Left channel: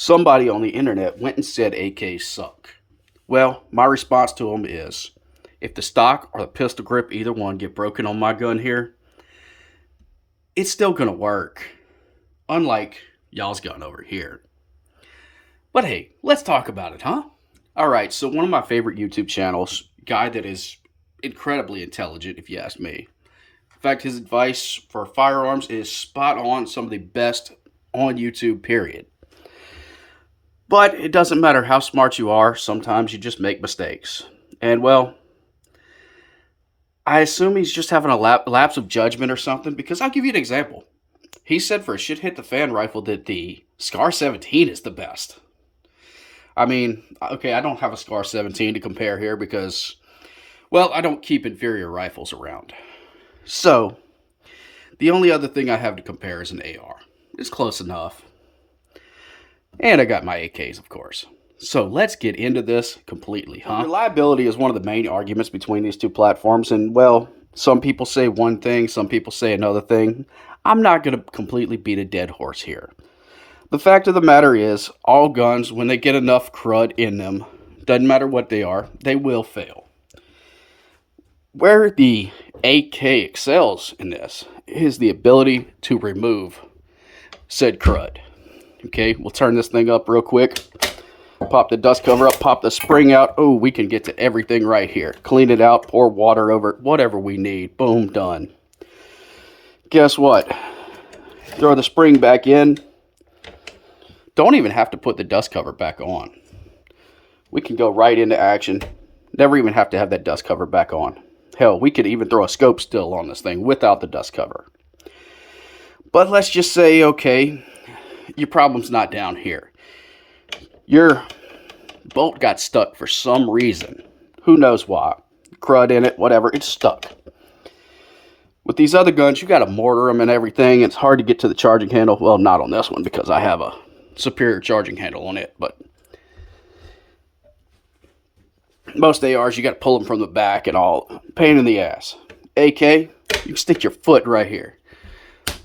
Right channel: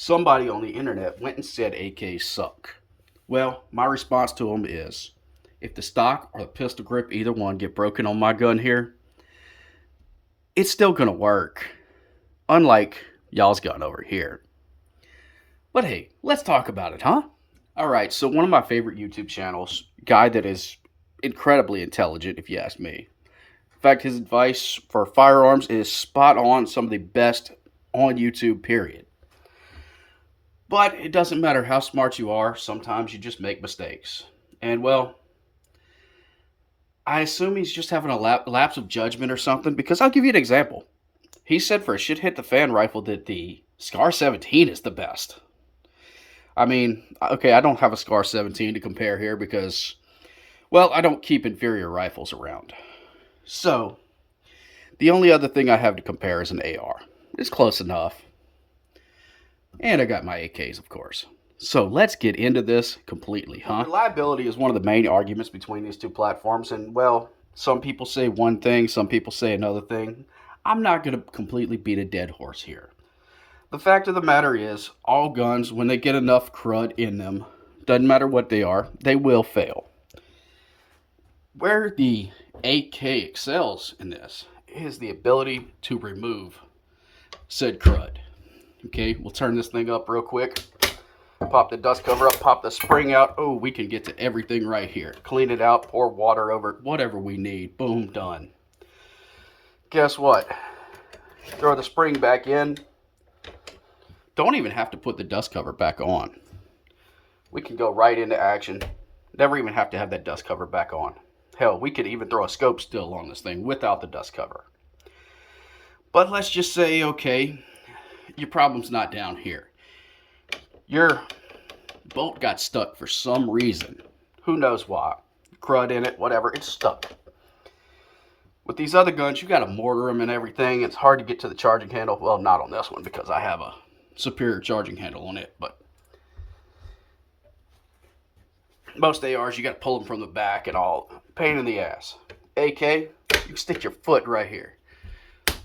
Somebody on the internet went and said AKs suck. Well, my response to them is, if the stock or the pistol grip, either one, get broken on my gun here, it's still going to work. Unlike y'all's gun over here. But hey, let's talk about it, huh? Alright, so one of my favorite YouTube channels, guy that is incredibly intelligent, if you ask me. In fact, his advice for firearms is spot on, some of the best on YouTube, period. But it doesn't matter how smart you are, sometimes you just make mistakes. And well, I assume he's just having a lapse of judgment or something, because I'll give you an example. He said for a shit hit the fan rifle that the Scar 17 is the best. I mean, okay, I don't have a Scar 17 to compare here because, well, I don't keep inferior rifles around. So, the only other thing I have to compare is an AR. It's close enough. And I got my AKs, of course. So let's get into this completely, huh? Reliability is one of the main arguments between these two platforms. And, well, some people say one thing, some people say another thing. I'm not going to completely beat a dead horse here. The fact of the matter is, all guns, when they get enough crud in them, doesn't matter what they are, they will fail. Where the AK excels in this is the ability to remove said crud. Okay, we'll turn this thing up real quick. Pop the dust cover up, pop the spring out. Oh, we can get to everything right here. Clean it out, pour water over it, whatever we need. Boom, done. Guess what? Throw the spring back in. Don't even have to put the dust cover back on. We can go right into action. Never even have to have that dust cover back on. Hell, we could even throw a scope still on this thing without the dust cover. But let's just say, okay, your problem's not down here. Your bolt got stuck for some reason. Who knows why? Crud in it, whatever, it's stuck. With these other guns, you got to mortar them and everything. It's hard to get to the charging handle. Well, not on this one because I have a superior charging handle on it. But most ARs, you got to pull them from the back and all. Pain in the ass. AK, you can stick your foot right here.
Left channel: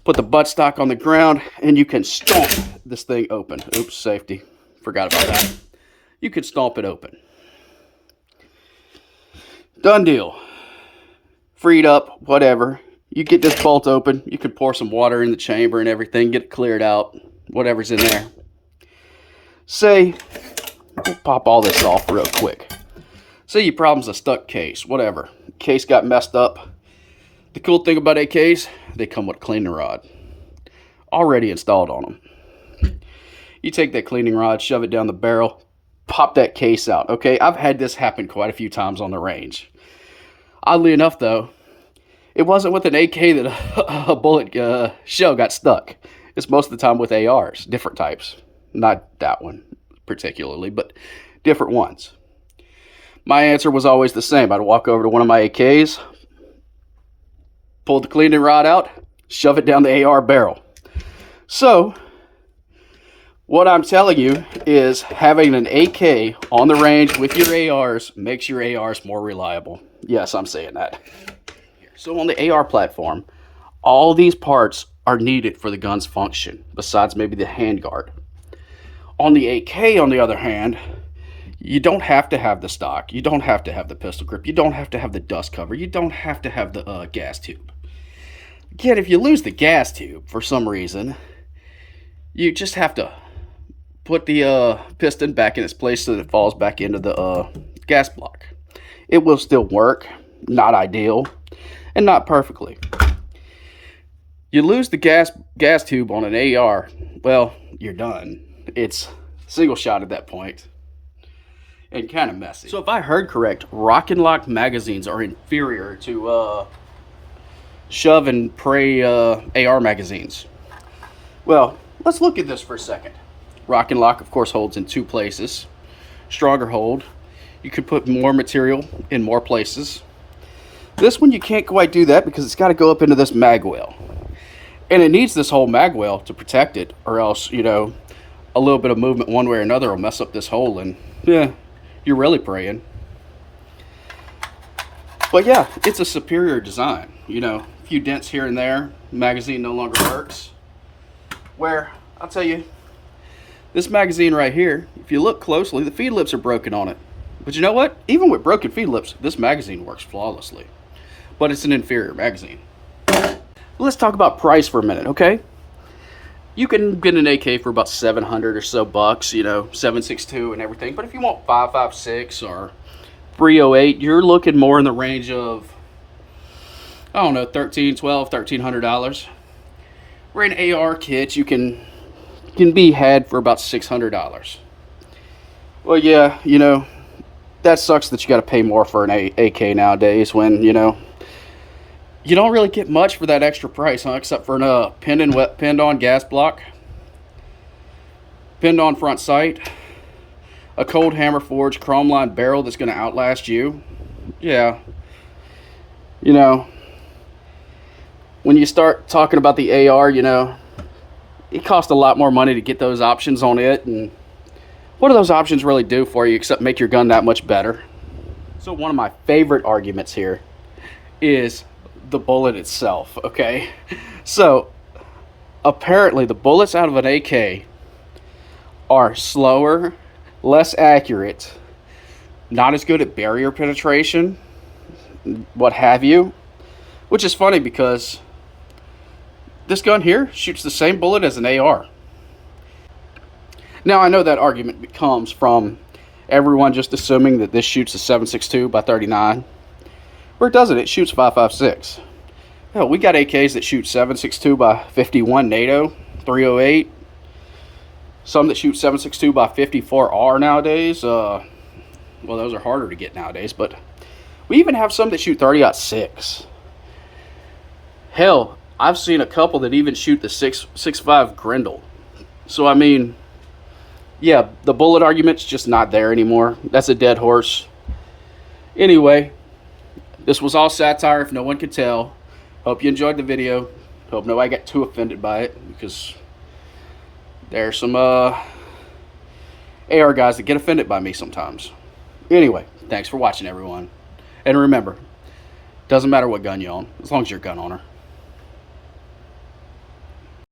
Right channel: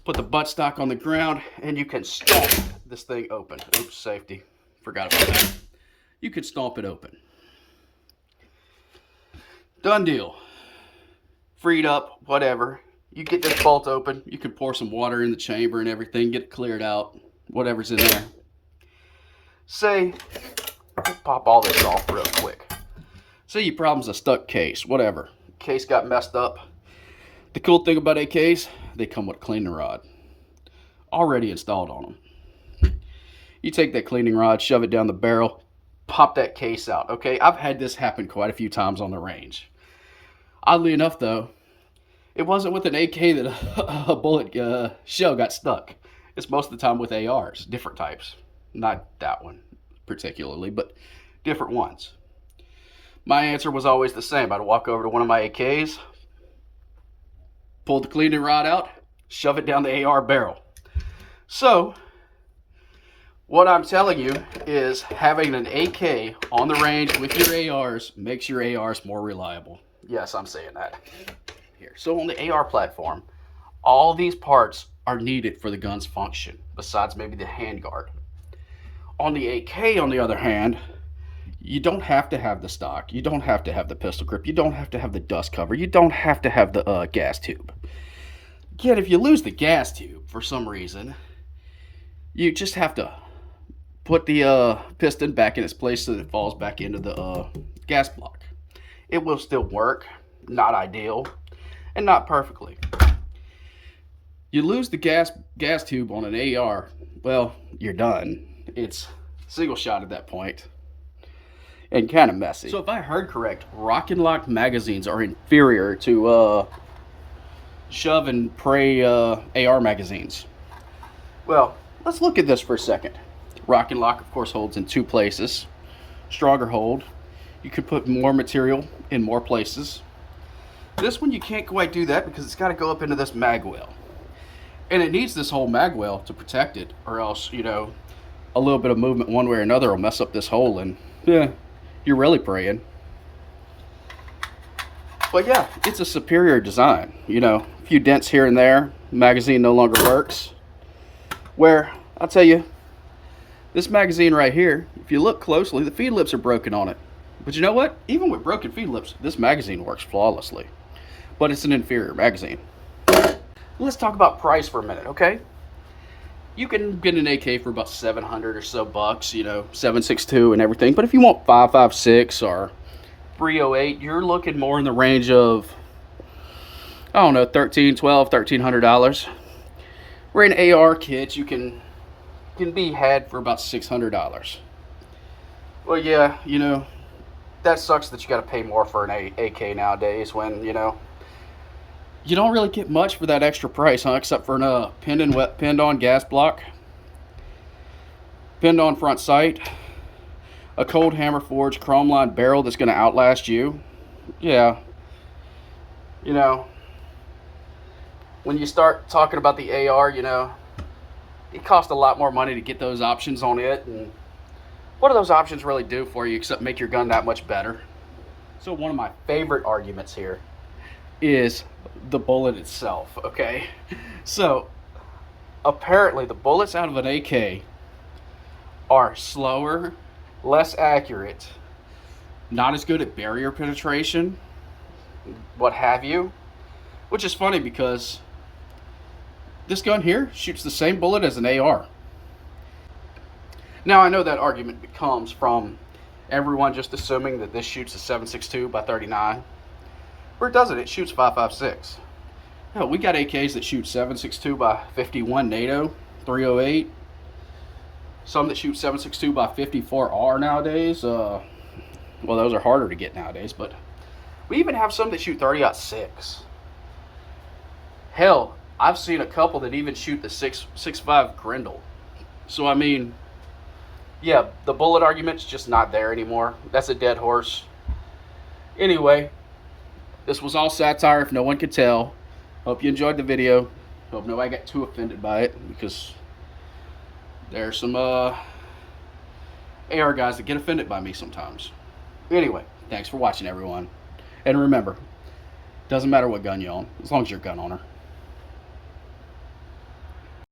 Put the buttstock on the ground and you can stomp this thing open. Oops, safety. Forgot about that. You can stomp it open. Done deal. Freed up, whatever. You get this bolt open. You can pour some water in the chamber and everything. Get it cleared out. Whatever's in there. Say, pop all this off real quick. Say your problem's a stuck case. Whatever. Case got messed up. The cool thing about AKs, they come with a cleaning rod. Already installed on them. You take that cleaning rod, shove it down the barrel, pop that case out. Okay, I've had this happen quite a few times on the range. Oddly enough, though, it wasn't with an AK that a bullet shell got stuck. It's most of the time with ARs, different types. Not that one particularly, but different ones. My answer was always the same. I'd walk over to one of my AKs, pull the cleaning rod out, shove it down the AR barrel. So, what I'm telling you is having an AK on the range with your ARs makes your ARs more reliable. Yes, I'm saying that. So on the AR platform, all these parts are needed for the gun's function, besides maybe the handguard. On the AK, on the other hand, you don't have to have the stock. You don't have to have the pistol grip. You don't have to have the dust cover. You don't have to have the gas tube. Again, if you lose the gas tube for some reason, you just have to put the piston back in its place so that it falls back into the gas block. It will still work. Not ideal. And not perfectly. You lose the gas tube on an AR, well, you're done. It's single shot at that point. And kind of messy. So if I heard correct, Rock and Lock magazines are inferior to shove and pray AR magazines. Well, let's look at this for a second. Rock and Lock, of course, holds in two places. Stronger hold. You could put more material in more places. This one, you can't quite do that because it's got to go up into this mag well. And it needs this whole mag well to protect it, or else, you know, a little bit of movement one way or another will mess up this hole, and yeah, you're really praying. But yeah, it's a superior design. You know, a few dents here and there. The magazine no longer works. Where, I'll tell you, This magazine right here, if you look closely, the feed lips are broken on it. But you know what? Even with broken feed lips, this magazine works flawlessly. But it's an inferior magazine. Let's talk about price for a minute, okay? You can get an AK for about 700 or so bucks, you know, 7.62 and everything. But if you want 5.56 or 308, you're looking more in the range of, I don't know, $1,300, $1,200, $1,300. Where an AR kit you can be had for about $600. Well, yeah, you know, that sucks that you got to pay more for an AK nowadays when, you know, you don't really get much for that extra price, huh? Except for a pinned on gas block, pinned on front sight, a cold hammer forged chrome lined barrel that's going to outlast you. Yeah, you know, when you start talking about the AR, you know, it costs a lot more money to get those options on it, and what do those options really do for you except make your gun that much better? So one of my favorite arguments here is the bullet itself, okay? So apparently the bullets out of an AK are slower, less accurate, not as good at barrier penetration, what have you, which is funny because this gun here shoots the same bullet as an AR. Now I know that argument comes from everyone just assuming that this shoots a 7.62 by 39. Where it doesn't, it shoots 5.56. Hell, we got AKs that shoot 7.62 by 51 NATO, 308. Some that shoot 7.62 by 54R nowadays. Well, those are harder to get nowadays, but we even have some that shoot 30-06. Hell, I've seen a couple that even shoot the 6.5 Grendel. So I mean, yeah, the bullet argument's just not there anymore. That's a dead horse. Anyway, this was all satire if no one could tell. Hope you enjoyed the video. Hope nobody got too offended by it, because there's some AR guys that get offended by me sometimes. Anyway, thanks for watching, everyone. And remember, doesn't matter what gun you own, as long as you're a gun owner.